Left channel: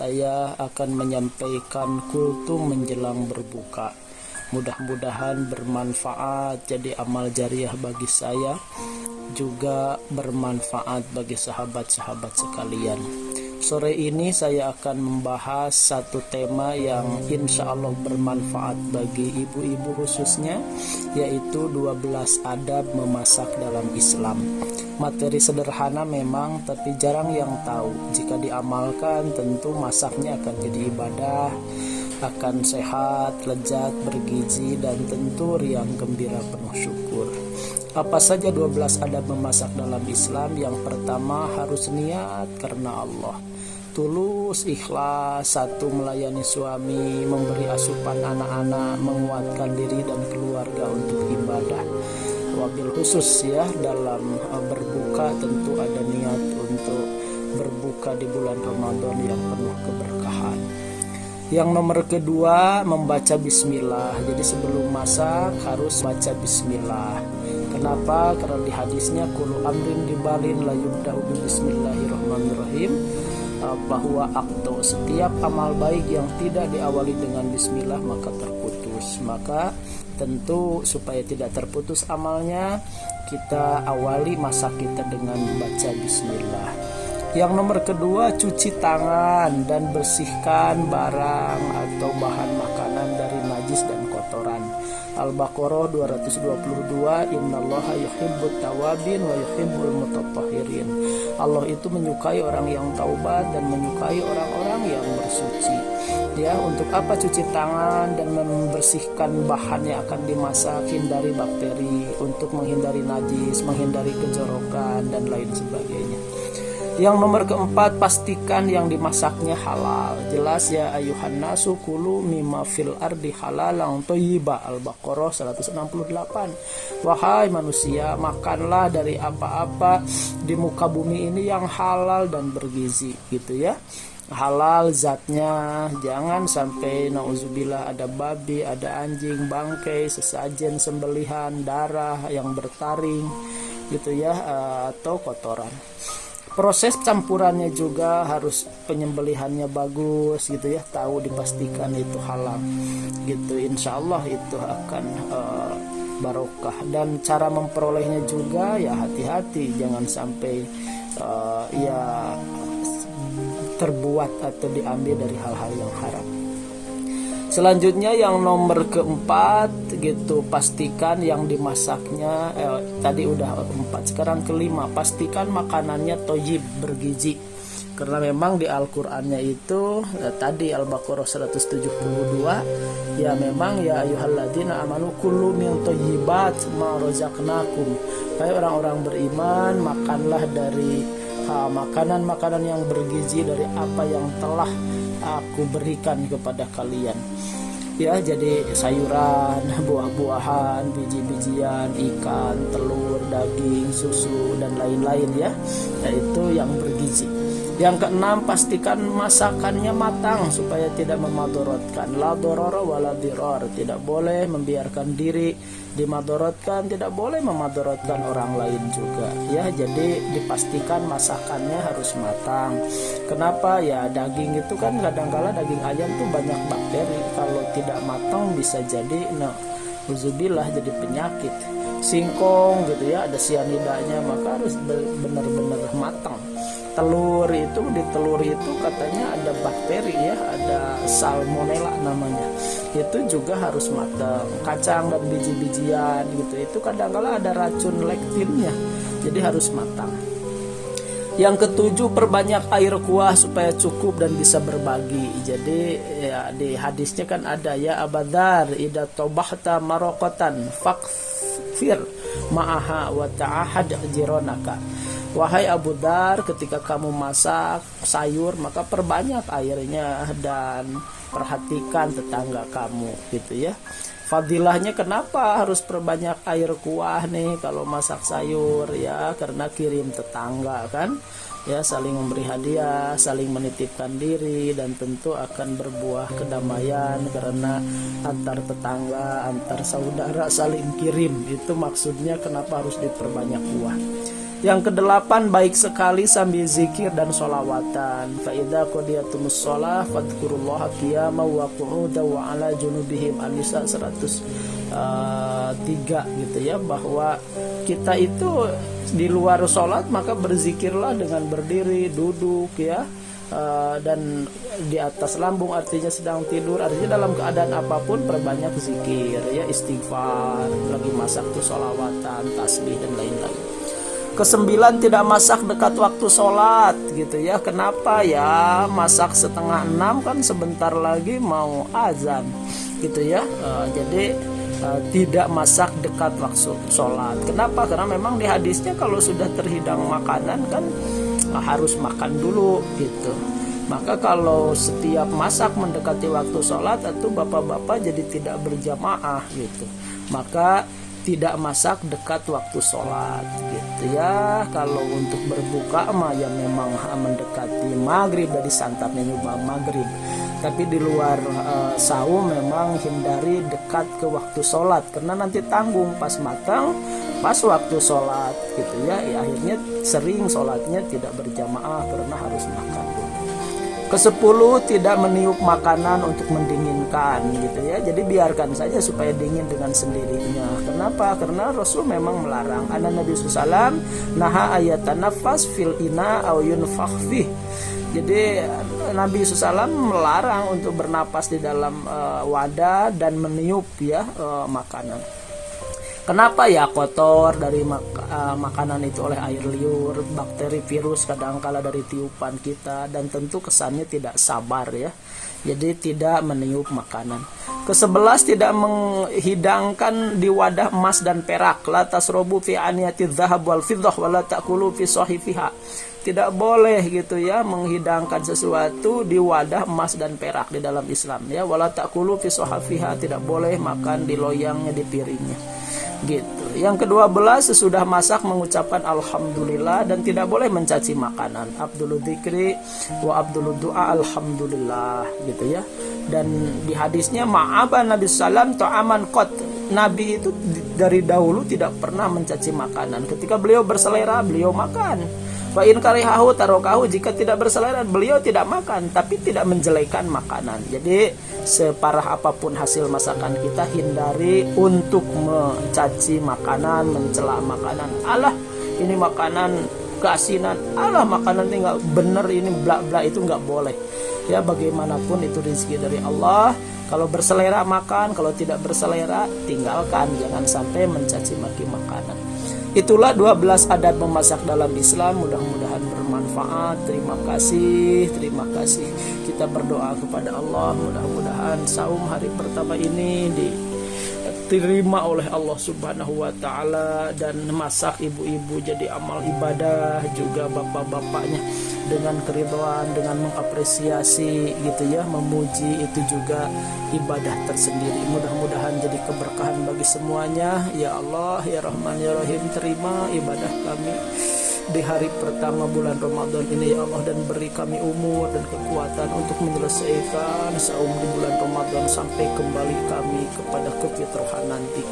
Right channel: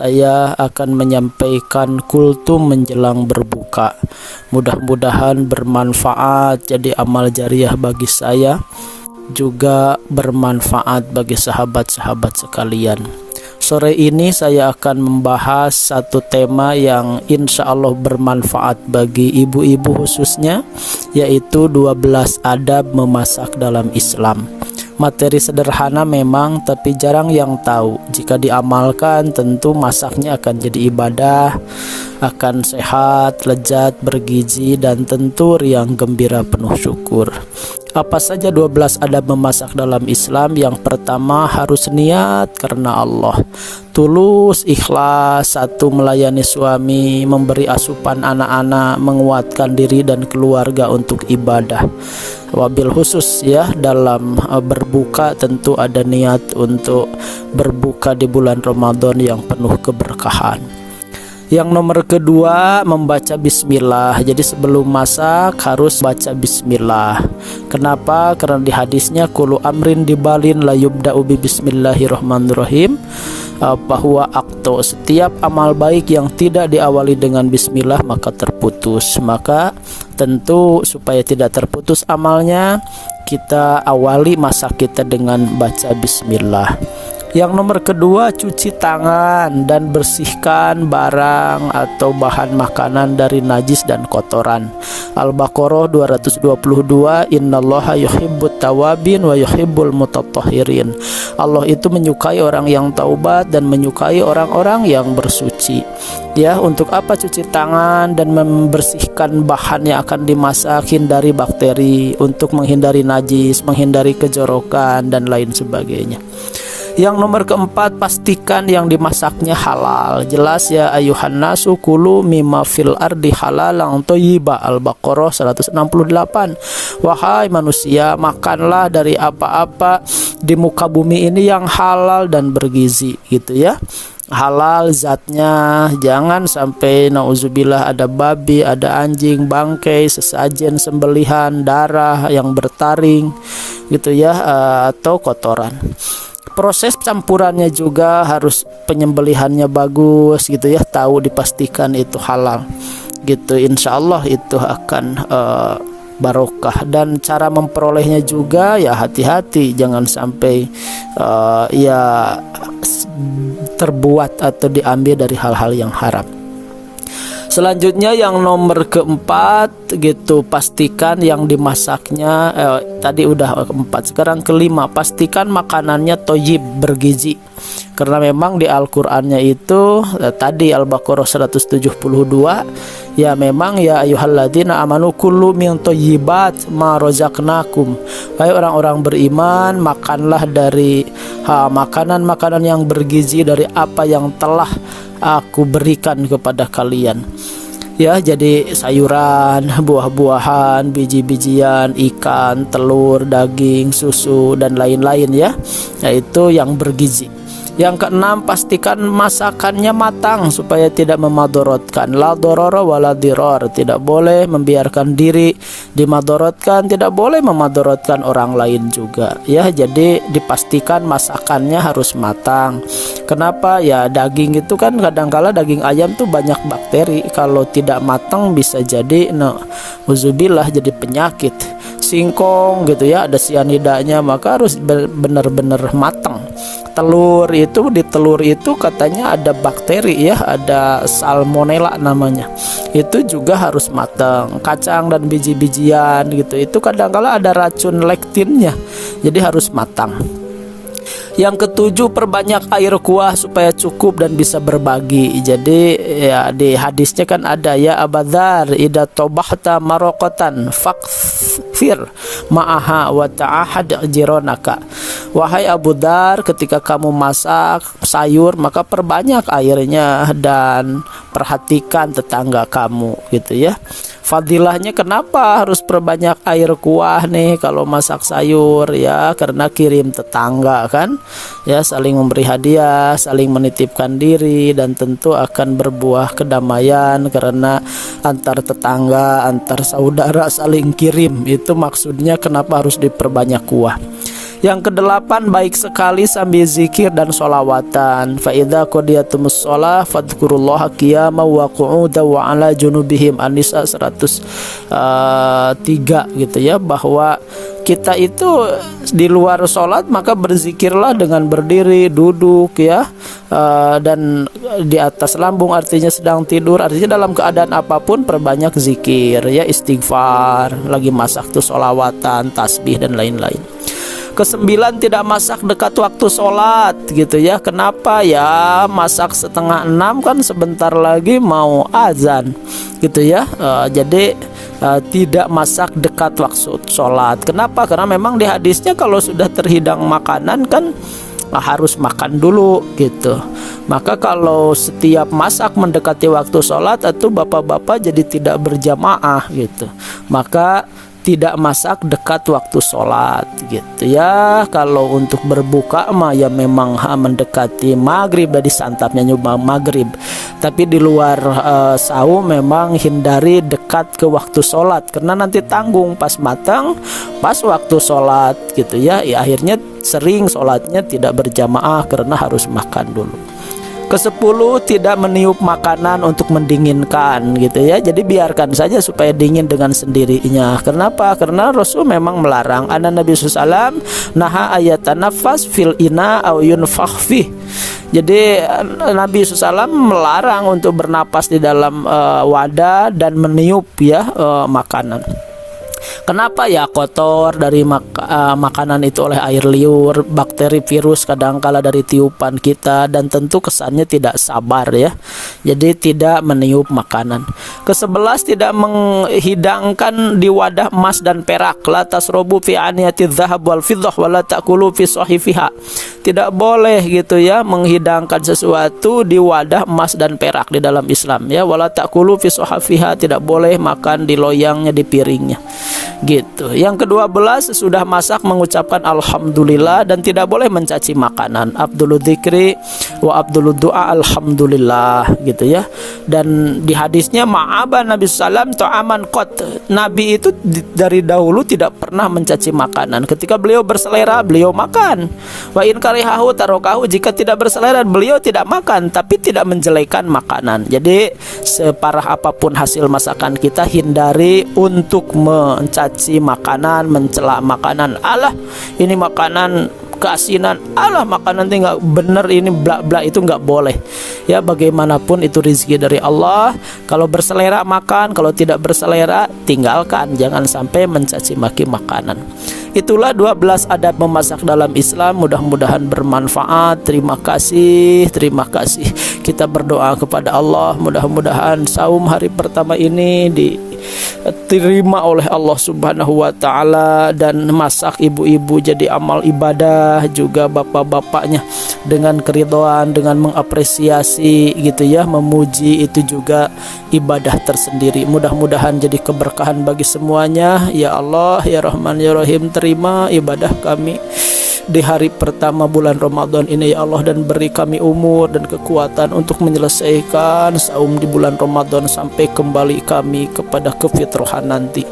saya akan menyampaikan kultum menjelang berbuka. Mudah-mudahan bermanfaat, jadi amal jariah bagi saya, juga bermanfaat bagi sahabat-sahabat sekalian. Sore ini saya akan membahas satu tema yang insya Allah bermanfaat bagi ibu-ibu khususnya, yaitu 12 adab memasak dalam Islam. Materi sederhana memang, tapi jarang yang tahu. Jika diamalkan tentu masaknya akan jadi ibadah, akan sehat, lezat, bergizi, dan tentu riang gembira penuh syukur. Apa saja 12 adab memasak dalam Islam? Yang pertama, harus niat karena Allah. Tulus, ikhlas, satu melayani suami, memberi asupan anak-anak, menguatkan diri dan keluarga untuk ibadah. Wabil khusus ya, dalam berbuka tentu ada niat untuk berbuka di bulan Ramadan yang penuh keberkahan. Yang nomor kedua, membaca bismillah. Jadi sebelum masak harus baca bismillah. Kenapa? Karena di hadisnya kullu amrin dibalin la yubda'u bi bismillahirrahmanirrahim, bahwa setiap amal baik yang tidak diawali dengan bismillah maka terputus. Maka tentu supaya tidak terputus amalnya, kita awali masak kita dengan baca bismillah. Yang nomor kedua, cuci tangan dan bersihkan barang atau bahan makanan dari najis dan kotoran. Al-Baqarah 222, Innallaha yuhibbut tawabin wa yuhibbul mutatahhirin. Allah itu menyukai orang yang taubat dan menyukai orang-orang yang bersuci. Ya, untuk apa cuci tangan dan membersihkan bahan yang akan dimasak, hindari bakteri, untuk menghindari najis, menghindari kejorokan dan lain sebagainya. Yang nomor keempat, pastikan yang dimasaknya halal. Jelas ya, ayuhan nasu kulu mimma fil ardi halalan thayyiba. Al-Baqarah 168. Wahai manusia, makanlah dari apa-apa di muka bumi ini yang halal dan bergizi, gitu ya. Halal zatnya, jangan sampai nauzubillah ada babi, ada anjing, bangkai, sesajen sembelihan, darah yang bertaring, gitu ya, atau kotoran. Proses campurannya juga harus penyembelihannya bagus, gitu ya, tahu dipastikan itu halal, gitu. Insya Allah itu akan barokah. Dan cara memperolehnya juga ya hati-hati, jangan sampai ya terbuat atau diambil dari hal-hal yang haram. Selanjutnya yang nomor keempat, gitu, pastikan yang dimasaknya tadi udah keempat, sekarang kelima, pastikan makanannya thayyib, bergizi. Karena memang di Al-Qur'annya itu tadi Al-Baqarah 172, ya memang ya ayyuhalladzina amanu kullu min thayyibat ma razaqnakum. Hai orang-orang beriman, makanlah dari makanan-makanan yang bergizi dari apa yang telah aku berikan kepada kalian. Ya, jadi sayuran, buah-buahan, biji-bijian, ikan, telur, daging, susu dan lain-lain ya. Yaitu yang bergizi. Yang keenam, pastikan masakannya matang supaya tidak memadorotkan. La dororo wala diror, tidak boleh membiarkan diri dimadorotkan, tidak boleh memadorotkan orang lain juga. Ya, jadi dipastikan masakannya harus matang. Kenapa? Ya daging itu kan kadangkala daging ayam tuh banyak bakteri. Kalau tidak matang bisa jadi uzubillah jadi penyakit. Singkong gitu ya, ada sianidanya, maka harus benar-benar matang. Telur itu, di telur itu katanya ada bakteri ya, ada salmonella namanya. Itu juga harus matang. Kacang dan biji-bijian gitu, itu kadang-kala ada racun lektinnya. Jadi harus matang. Yang ketujuh, perbanyak air kuah supaya cukup dan bisa berbagi. Jadi ya di hadisnya kan ada ya Abadzar, idza tabahta maraqatan fakfir ma'aha wa ta'ahad jironaka. Wahai Abu Dzar, ketika kamu masak sayur maka perbanyak airnya dan perhatikan tetangga kamu, gitu ya. Fadilahnya kenapa harus perbanyak air kuah nih kalau masak sayur ya? Karena kirim tetangga kan ya, saling memberi hadiah, saling menitipkan diri, dan tentu akan berbuah kedamaian karena antar tetangga, antar saudara saling kirim. Itu maksudnya kenapa harus diperbanyak kuah. Yang kedelapan, baik sekali sambil zikir dan sholawatan. Fa idza qudiyatumus shalah fadhkurullaha qiyaman wa qu'udan wa ala junubihim. An-Nisa 103 gitu ya, bahwa kita itu di luar sholat maka berzikirlah dengan berdiri, duduk ya, dan di atas lambung artinya sedang tidur, artinya dalam keadaan apapun perbanyak zikir ya, istighfar, lagi masak tuh sholawatan, tasbih dan lain-lain. Kesembilan, tidak masak dekat waktu sholat gitu ya. Kenapa ya? Masak setengah 6 kan sebentar lagi mau azan gitu ya. Jadi tidak masak dekat waktu sholat. Kenapa? Karena memang di hadisnya kalau sudah terhidang makanan kan harus makan dulu gitu. Maka kalau setiap masak mendekati waktu sholat, atau bapak-bapak jadi tidak berjamaah gitu, maka tidak masak dekat waktu sholat gitu ya. Kalau untuk berbuka mah ya memang mendekati maghrib, dari santapnya nyoba maghrib. Tapi di luar saum memang hindari dekat ke waktu sholat, karena nanti tanggung pas matang pas waktu sholat gitu ya. Akhirnya sering sholatnya tidak berjamaah karena harus makan dulu. Kesepuluh, tidak meniup makanan untuk mendinginkan gitu ya. Jadi biarkan saja supaya dingin dengan sendirinya. Kenapa? Karena Rasul memang melarang. Anna Nabi SAW naha ayatanafas fil ina au yunfakh fih. Jadi Nabi SAW melarang untuk bernapas di dalam wadah dan meniup ya makanan. Kenapa ya? Kotor dari makanan itu oleh air liur, bakteri, virus kadangkala dari tiupan kita, dan tentu kesannya tidak sabar ya. Jadi tidak meniup makanan. Ke-11, tidak menghidangkan di wadah emas dan perak. La tasrobu fi aniyati dzahab wal fiddah wa la ta'kulu fi sahifiha. Tidak boleh gitu ya menghidangkan sesuatu di wadah emas dan perak di dalam Islam ya. Wala ta'kulu fi sahifiha, tidak boleh makan di loyangnya, di piringnya gitu. Yang ke-12, sesudah masak mengucapkan alhamdulillah dan tidak boleh mencaci makanan. Abdul dzikri wa abdul du'a alhamdulillah gitu ya. Dan di hadisnya ma'aba Nabi sallam ta'aman qat. Nabi itu dari dahulu tidak pernah mencaci makanan. Ketika beliau berselera beliau makan. Wa in karihahu tarokahu, jika tidak berselera beliau tidak makan, tapi tidak menjelekan makanan. Jadi separah apapun hasil masakan kita, hindari untuk mencaci makanan, mencela makanan. Alah ini makanan keasinan, alah makanan itu nggak bener, ini bla bla, itu nggak boleh ya. Bagaimanapun itu rezeki dari Allah. Kalau berselera makan, kalau tidak berselera tinggalkan. Jangan sampai mencaci maki makanan. Itulah 12 adab memasak dalam Islam. Mudah-mudahan bermanfaat. Terima kasih kita berdoa kepada Allah, mudah-mudahan saum hari pertama ini diterima oleh Allah Subhanahu wa taala, dan masak ibu-ibu jadi amal ibadah, juga bapak-bapaknya dengan keridhaan, dengan mengapresiasi gitu ya, memuji, itu juga ibadah tersendiri. Mudah-mudahan jadi keberkahan bagi semuanya ya Allah ya Rahman ya Rahim. Terima ibadah kami di hari pertama bulan Ramadan ini ya Allah, dan beri kami umur dan kekuatan untuk menyelesaikan saum di bulan Ramadan sampai kembali kami kepada kefitrahan nanti.